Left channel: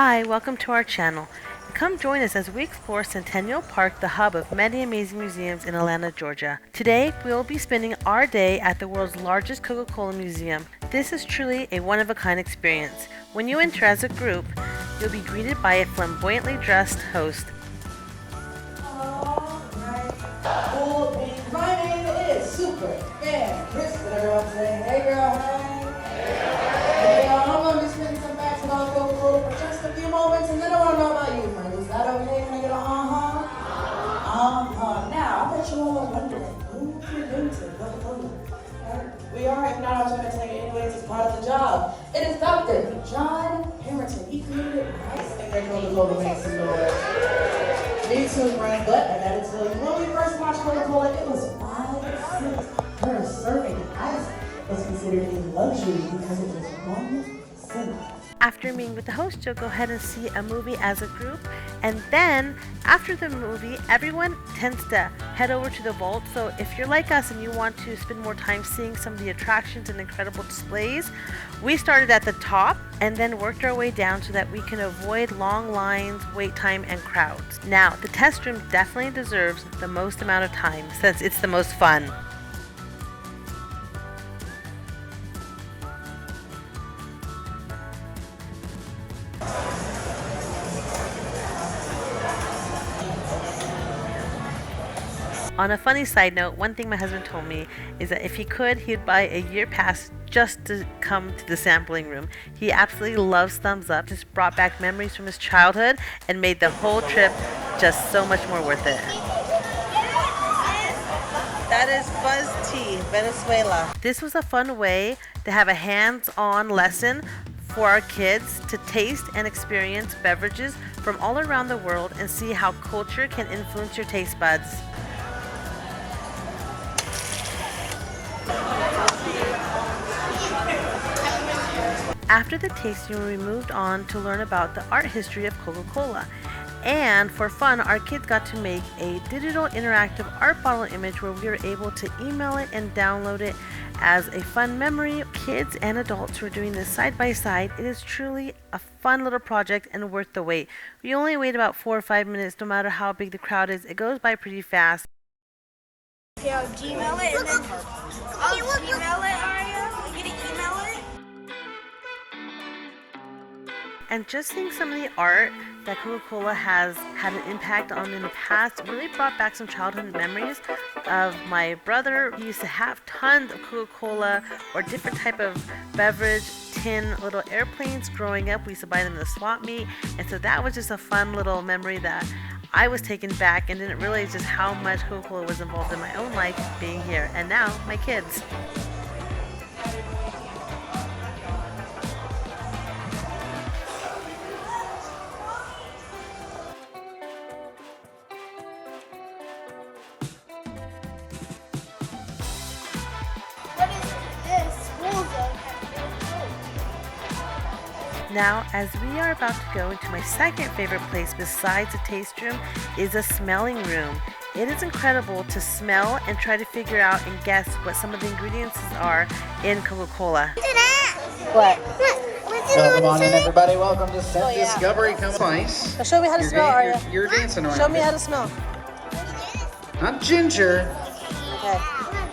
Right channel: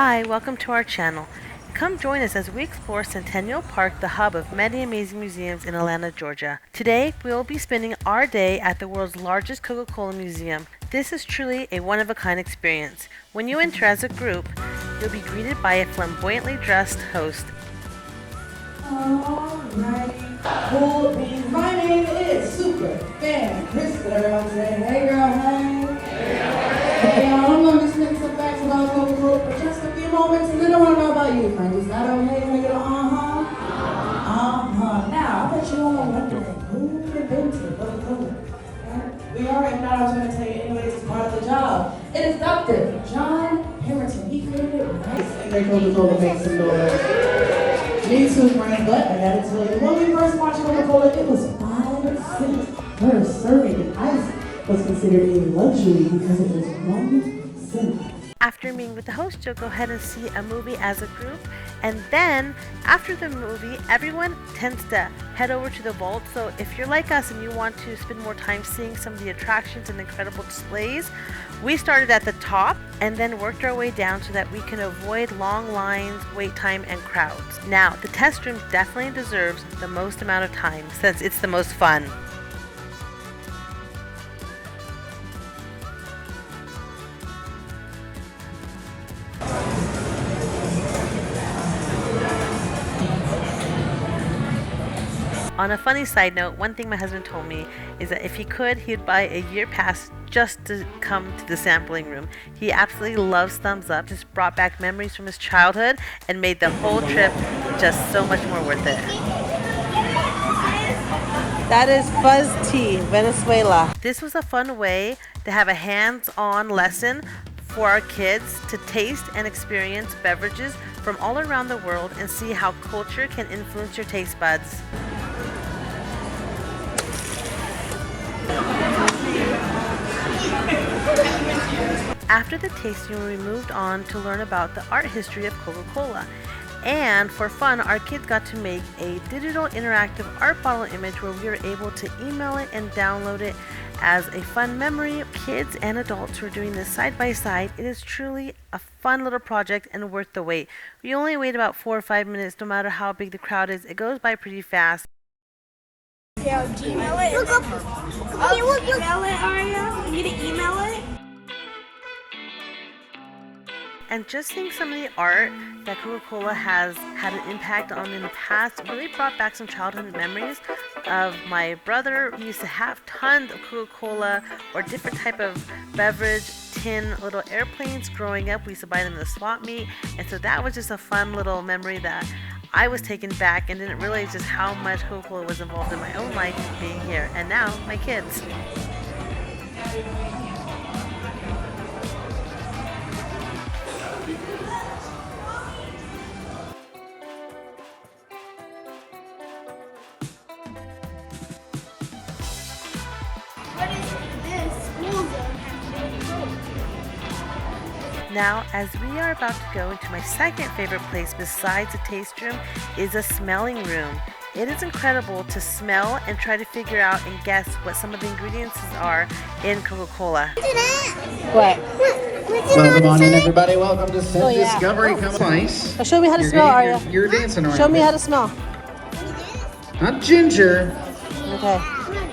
Hi, welcome to our channel. Come join us as we explore Centennial Park, the hub of many amazing museums in Atlanta, Georgia. Today, we will be spending our day at the world's largest Coca-Cola museum. This is truly a one-of-a-kind experience. When you enter as a group, you'll be greeted by a flamboyantly dressed host. Alright, cool beans. My name is Super Fan Chris. Everyone say, hey girl, honey. Hey y'all, I'm gonna be spending some facts about Coca-Cola for just a few moments, and then I want to know about you, friends. Is that okay? Can I get a Now, I bet you all are wondering, who invented Coca-Cola? We are, if not, I was going to tell you anyways, it's part of the job. It is Dr. John Harrison. He created it, right? And Coca-Cola makes some noise. Me too, friend, but I gotta tell you, when we first watched Coca-Cola, it was 5 cents per serving, and ice was considered a luxury because it was 1 cent. After meeting with the host, you'll go ahead and see a movie as a group, and then after the movie, everyone tends to head over to the vault. So if you're like us and you want to spend more time seeing some of the attractions and incredible displays, we started at the top and then worked our way down so that we can avoid long lines, wait time, and crowds. Now, the test room definitely deserves the most amount of time since it's the most fun. On a funny side note, one thing my husband told me is that if he could, he'd buy a year pass just to come to the sampling room. He absolutely loves Thumbs Up, just brought back memories from his childhood and made the whole trip just so much more worth it. That is Fuzz Tea, Venezuela. This was a fun way to have a hands-on lesson for our kids to taste and experience beverages from all around the world and see how culture can influence your taste buds. After the tasting, we moved on to learn about the art history of Coca-Cola. And for fun, our kids got to make a digital interactive art bottle image where we were able to email it and download it as a fun memory. Kids and adults who are doing this side by side, it is truly a fun little project and worth the wait. We only wait about 4 or 5 minutes no matter how big the crowd is. It goes by pretty fast. Yeah, do you email it? Look, email it, Aria? You need to email it? And just seeing some of the art that Coca-Cola has had an impact on in the past really brought back some childhood memories of my brother. He used to have tons of Coca-Cola or different type of beverage tin little airplanes growing up. We used to buy them in the swap meet, and so that was just a fun little memory that I was taken back and didn't realize just how much Coca-Cola was involved in my own life being here, and now my kids. Now, as we are about to go into my second favorite place besides the taste room is a smelling room. It is incredible to smell and try to figure out and guess what some of the ingredients are in Coca-Cola. What? Welcome on in, everybody. Welcome to Set Discovery. Come on. Nice. Show me how to smell, Aria. You're dancing around. Show me how to smell. Not ginger. Okay.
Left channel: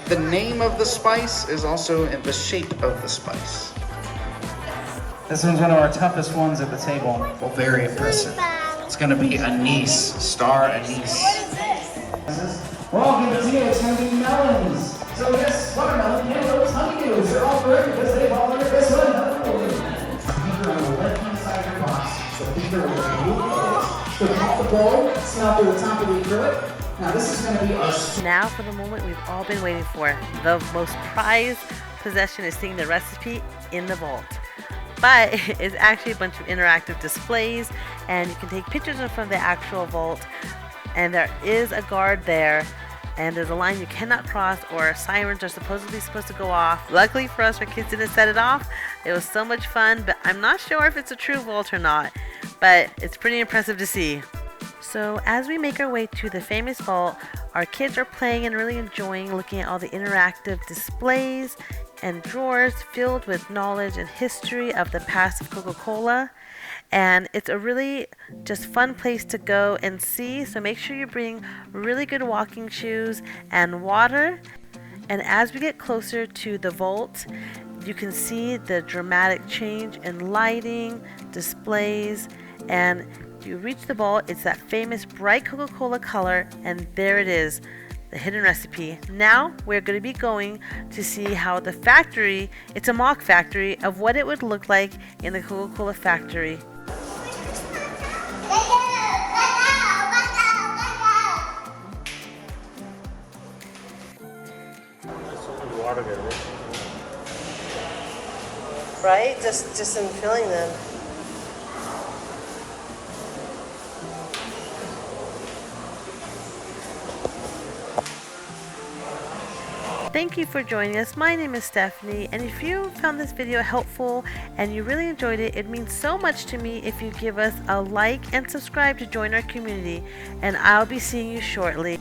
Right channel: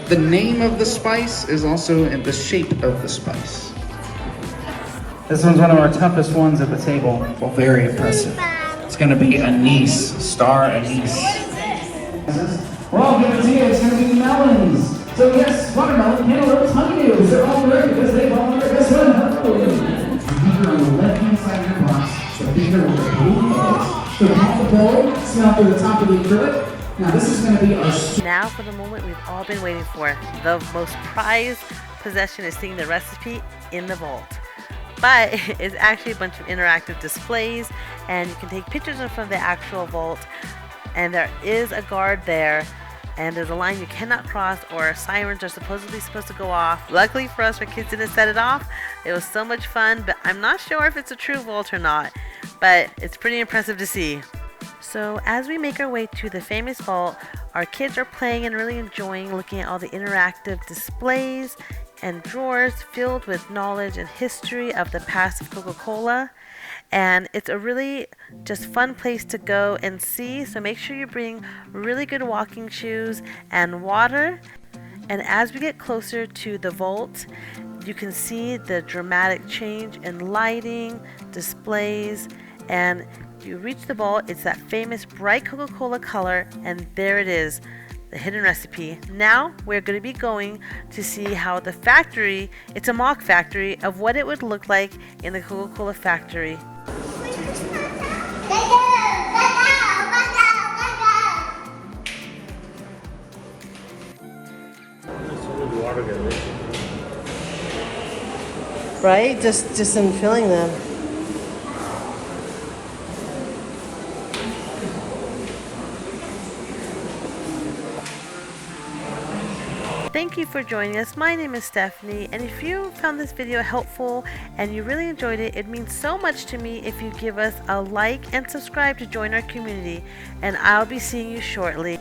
The name of the spice is also in the shape of the spice. This one's one of our toughest ones at the table. Well, very impressive. It's going to be anise, star anise. Well, good to see you. It's going to be melons. So yes, watermelon, cantaloupe, honeydews. They're all great because they all look this one. Hello. Beaker on the left-hand side of your box. The beaker with the blue edge. So half the bowl, smell through the top of the acrylic. Now this is going to be our... Now for the moment we've all been waiting for. The most prized possession is seeing the recipe in the vault. But it's actually a bunch of interactive displays, and you can take pictures in front of the actual vault, and there is a guard there, and there's a line you cannot cross, or sirens are supposed to go off. Luckily for us, our kids didn't set it off. It was so much fun, but I'm not sure if it's a true vault or not, but it's pretty impressive to see. So as we make our way to the famous vault, our kids are playing and really enjoying looking at all the interactive displays and drawers filled with knowledge and history of the past of Coca-Cola. and it's a really just fun place to go and see. So make sure you bring really good walking shoes and water. And as we get closer to the vault, you can see the dramatic change in lighting, displays, and you reach the vault. It's that famous bright Coca-Cola color, and there it is, the hidden recipe. Now we're going to be going to see how the factory, it's a mock factory of what it would look like in the Coca-Cola factory. Right? Just in filling them. Thank you for joining us. My name is Stephanie, and if you found this video helpful and you really enjoyed it, it means so much to me if you give us a like and subscribe to join our community, and I'll be seeing you shortly.